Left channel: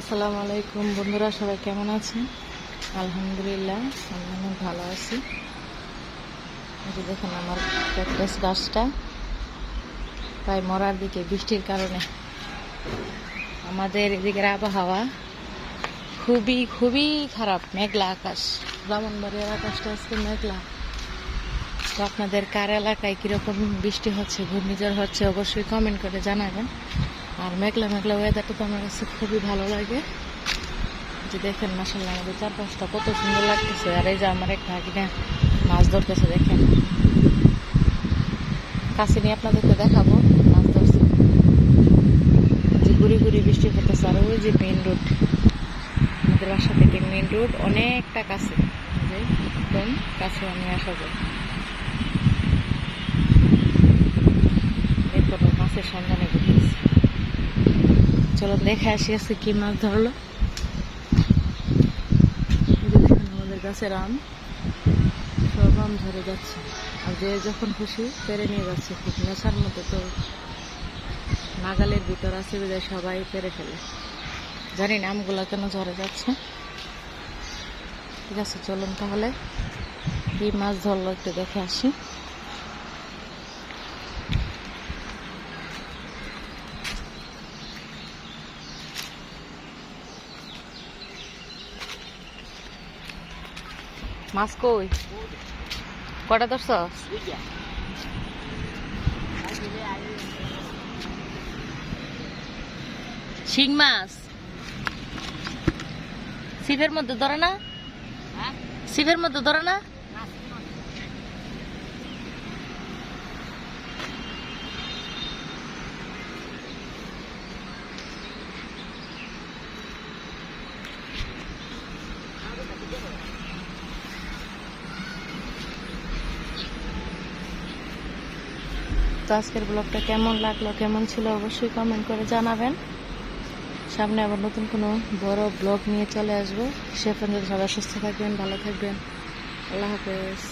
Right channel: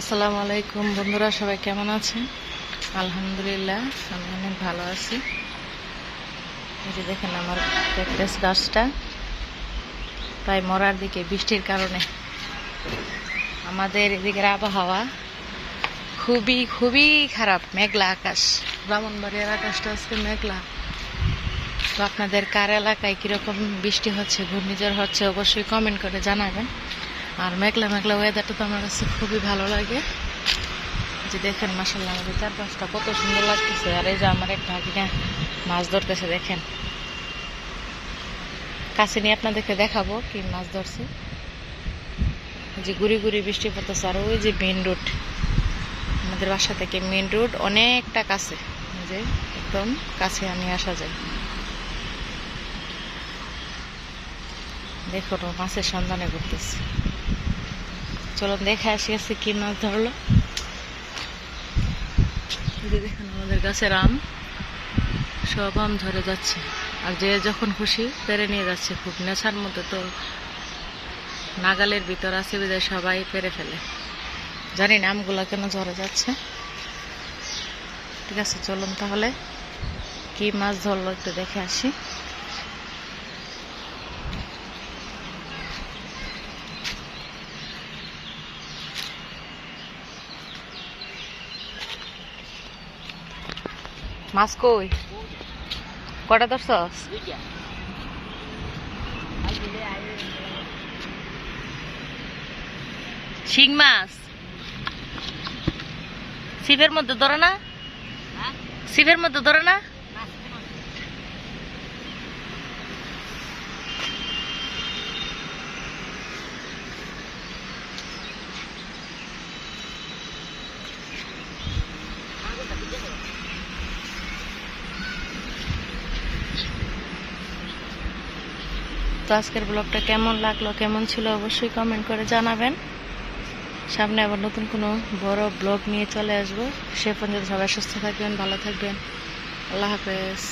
আসসালামু আলাইকুম বন্ধুরা, সবাই কেমন আছেন? আলহামদুলিল্লাহ, আমি অনেক ভালো আছি। এই যে দেখেন আমার ক্যাকটাস গাছটা প্রায় মরার দিকে বৃষ্টির কারণে। আমাদের এদিকের আবহাওয়া খুবই খুবই খারাপ, মেঘলা আকাশ। ব্রাহ্মণবাড়িয়ার আকাশটা আজকে মেঘলা। তো আপনাদের কার এলাকায় কীরকম বৃষ্টি হচ্ছে, ঘূর্ণিঝড় হচ্ছে, অবশ্যই কমেন্ট করে জানাবেন। আর মেঘলা মেঘলা ওয়েদারটা তো আমার কাছে খুবই ভালো লাগে। যে দেখেন মাশাআল্লাহ আমাদের চারপাশটা কত সুন্দর লাগতেছে। আর এই যে আমার এক ভাগিনা মাছ ধরতেছে, দেখেন। কাছে নিয়ে আপনাদেরকে দেখাবো কি মাছ ধরছে। যে গুড়ি গুড়ি বৃষ্টি পড়তেছে। আর ওই যে মেন রোড, আমাদের বাসা থেকে মেন রোড অনেকটা কাছে, যে একদম কাছে নিয়ে আসা যায়। দেখুন মাছের সন্ধানে ঘুরতেছে। চলো দেখে আসি আজকে কি মাছ ধরলো। দেখেন আমাদের গাছের আম, সব আম ধরে যাচ্ছে। আর যে যখন খুশি পেরে নিয়ে যাচ্ছে। খুব নেশার মধ্যে, তো নাগালের ভিতর আছে বিদায় সবাই পেরে ফেলে। জানি না আমগুলা কেন ঝরে যাচ্ছে। ঠিক আছে, চলুন তাহলে কি মাছ ধরলো একটু দেখে আসি। মাছ কই, কটা ধরছস? শিং মাছ ছিপের মধ্যে ধরে না? ছিপের মধ্যে ধরে না? তো আজকের ব্লগটা কেমন লাগলো, কেমন ছিল, অবশ্যই কমেন্ট করে জানাবেন। সামনে আবার নতুন কোনো বড় ব্লগ নিয়ে চলে আসবো। সে পর্যন্ত সবাই সুস্থ থাকবেন, ভালো থাকবেন। আল্লাহ হাফেজ।